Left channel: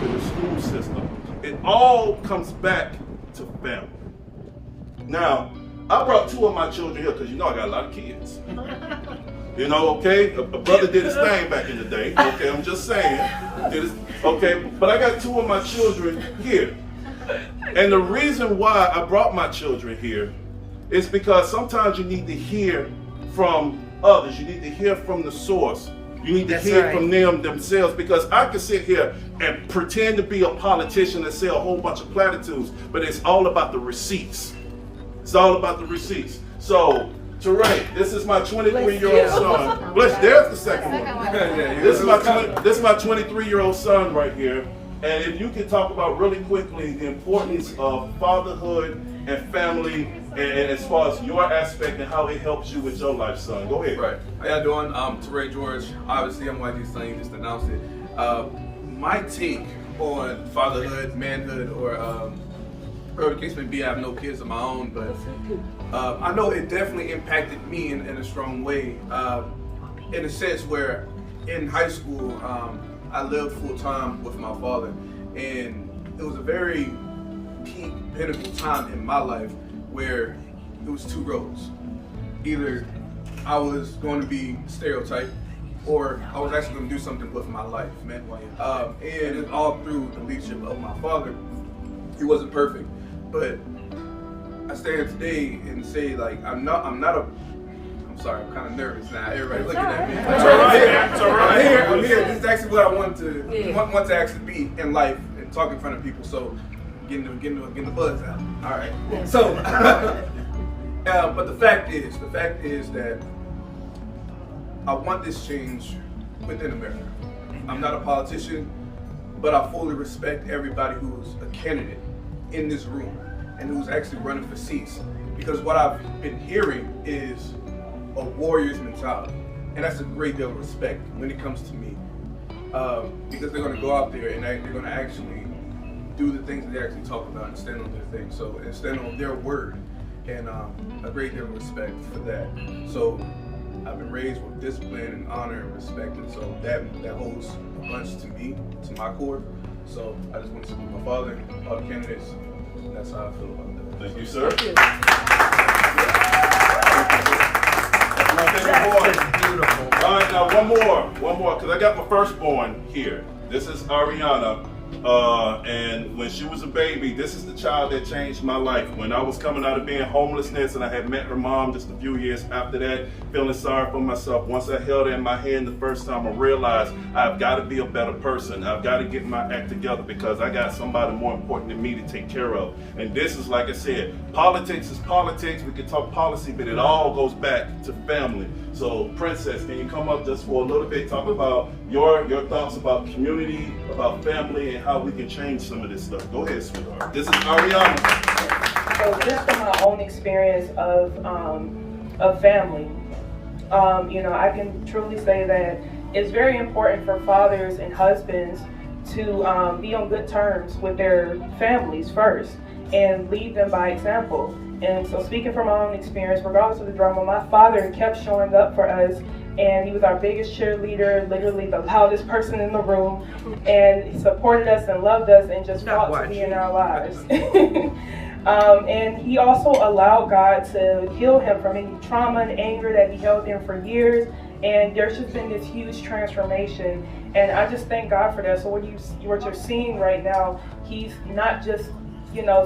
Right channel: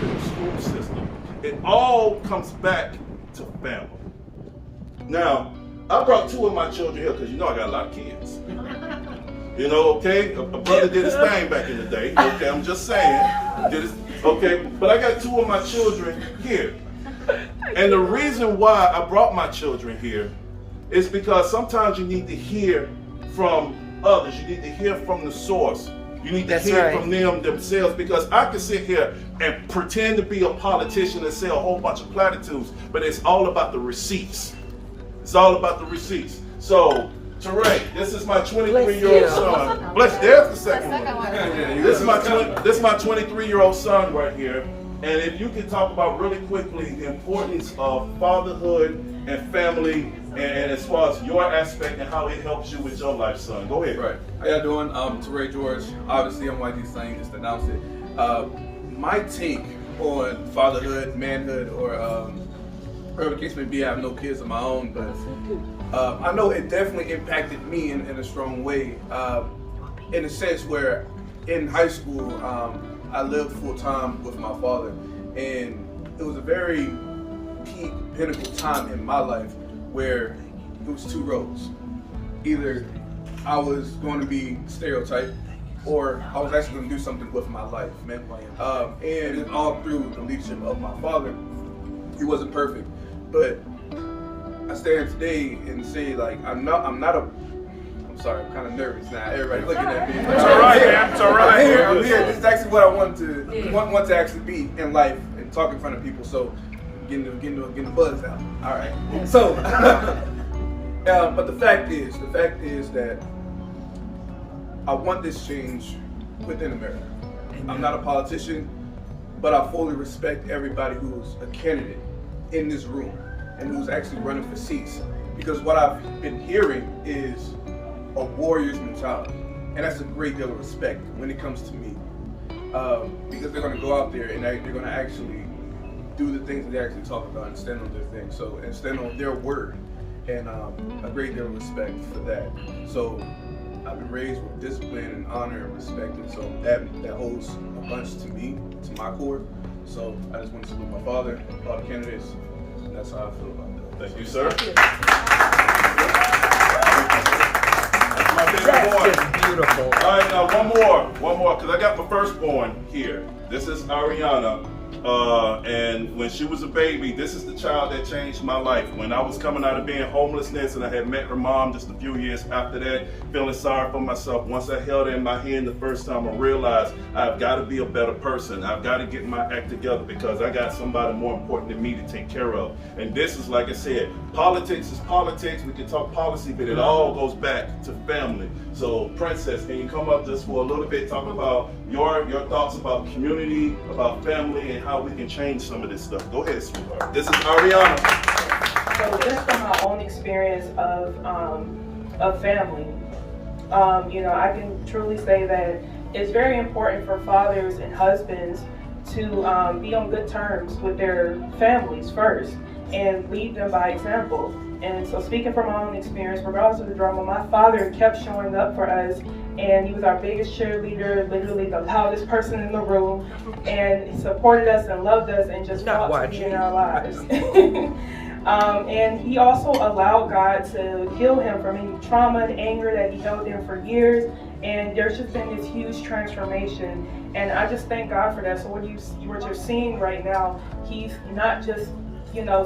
to the school system. It all comes back to family. Now, I brought two of my children here because you know I got a lot of kids. You know, okay? A brother did his thing back in the day. Okay, I'm just saying. Okay, but I got two of my children here. And the reason why I brought my children here is because sometimes you need to hear from others. You need to hear from the source. You need to hear from them themselves, because I can sit here and pretend to be a politician and say a whole bunch of platitudes, but it's all about the receipts. It's all about the receipts. So, Tereh, this is my 23-year-old son. Bless, there's the second one. This is my 23-year-old son right here. And if you can talk about really quickly the importance of fatherhood and family, and as far as your aspect and how it helps you with your life, son. Go ahead. Right. How y'all doing? Tereh George. Obviously, I'm YG Nyghtstorm. You just announced it. My take on fatherhood, manhood, or whatever the case may be, I have no kids of my own, but I know it definitely impacted me in a strong way. In a sense where in high school, I lived full time with my father, and it was a very peak pinnacle time in my life where it was two roads. Either I was going to be stereotyped, or I was actually going to do something with my life, man. And all through the leadership of my father, he wasn't perfect, but I stand today and say, like, I'm sorry, I'm kind of nervous now. Everybody's looking at me. It's all right, man. It's all right. I'm here. This is actually what I want to actually be in life and talk in front of people. So, getting the buzz out. All right. So, but the fact is that I want this change within America. I'm not a politician, but I fully respect everybody who's a candidate in this room and who's actually running for seats. Because what I've been hearing is a warrior's mentality, and that's a great deal of respect when it comes to me, because they're going to go out there and they're going to actually do the things that they actually talk about and stand on their things, so and stand on their word, and a great deal of respect for that. So I've been raised with discipline and honor and respect, and so that holds a bunch to me, to my core. So I just want to salute my father, all the candidates, and that's how I feel about that. Thank you, sir. My favorite boy. Beautiful. All right, now one more, because I got my firstborn here. This is Ariana, and when she was a baby, this is the child that changed my life. When I was coming out of being homelessness, and I had met her mom just a few years after that, feeling sorry for myself. Once I held her in my hand the first time, I realized I've got to be a better person. I've got to get my act together, because I got somebody more important than me to take care of. And this is, like I said, politics is politics. We can talk policy, but it all goes back to family. So, Princess, can you come up just for a little bit, talk about your thoughts about community, about family, and how we can change some of this stuff. Go ahead, sweetheart. This is Ariana. So just from my own experience of family, I can truly say that it's very important for fathers and husbands to be on good terms with their families first and lead them by example. And so, speaking from my own experience, regardless of the drama, my father kept showing up for us, and he was our biggest cheerleader, literally the loudest person in the room, and he supported us and loved us and just fought to be in our lives. And he also allowed God to heal him from any trauma and anger that he held in for years, and there's just been this huge transformation, and I just thank God for that. So what you're seeing right now, he's not just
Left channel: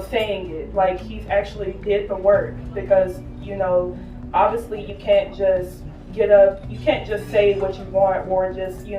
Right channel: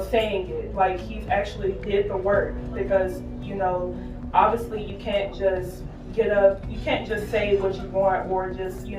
saying it, like he's actually did the work, because obviously you can't just get up, you can't just say what you want, or just you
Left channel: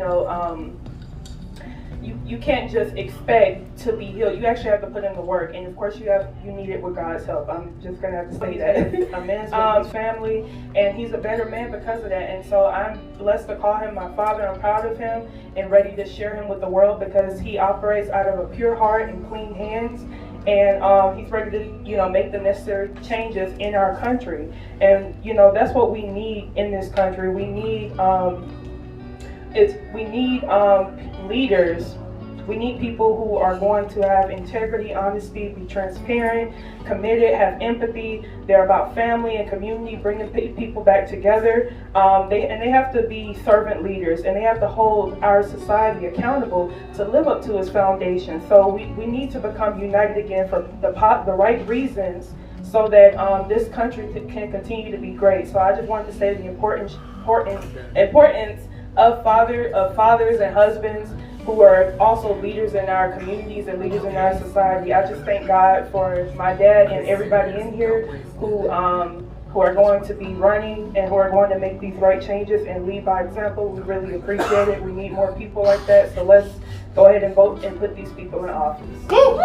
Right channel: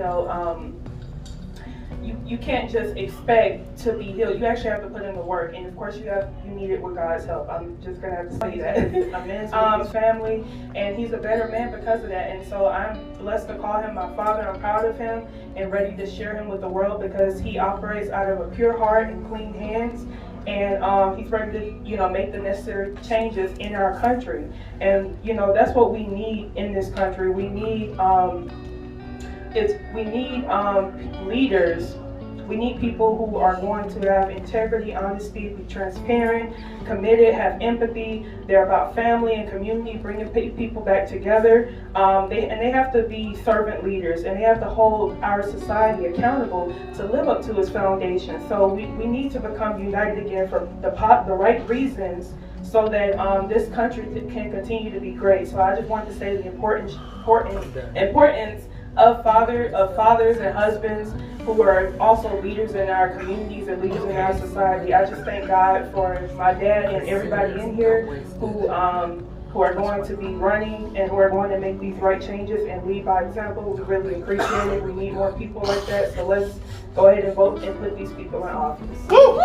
can't just expect to be healed. You actually have to put in the work, and of course you need it with God's help. I'm just gonna have to say that. I'm in his family, and he's a better man because of that, and so I'm blessed to call him my father. I'm proud of him and ready to share him with the world, because he operates out of a pure heart and clean hands. And he's ready to, make the necessary changes in our country. And, that's what we need in this country. We need leaders We need people who are going to have integrity, honesty, be transparent, committed, have empathy. They're about family and community, bringing people back together. They have to be servant leaders, and they have to hold our society accountable to live up to its foundation. So we need to become united again for the right reasons, so that this country can continue to be great. So I just wanted to say the importance of fathers and husbands who are also leaders in our communities and leaders in our society. I just thank God for my dad and everybody in here who are going to be running and who are going to make these right changes and lead by example. We really appreciate it. We need more people like that. So let's go ahead and vote and put these people in office. Woo!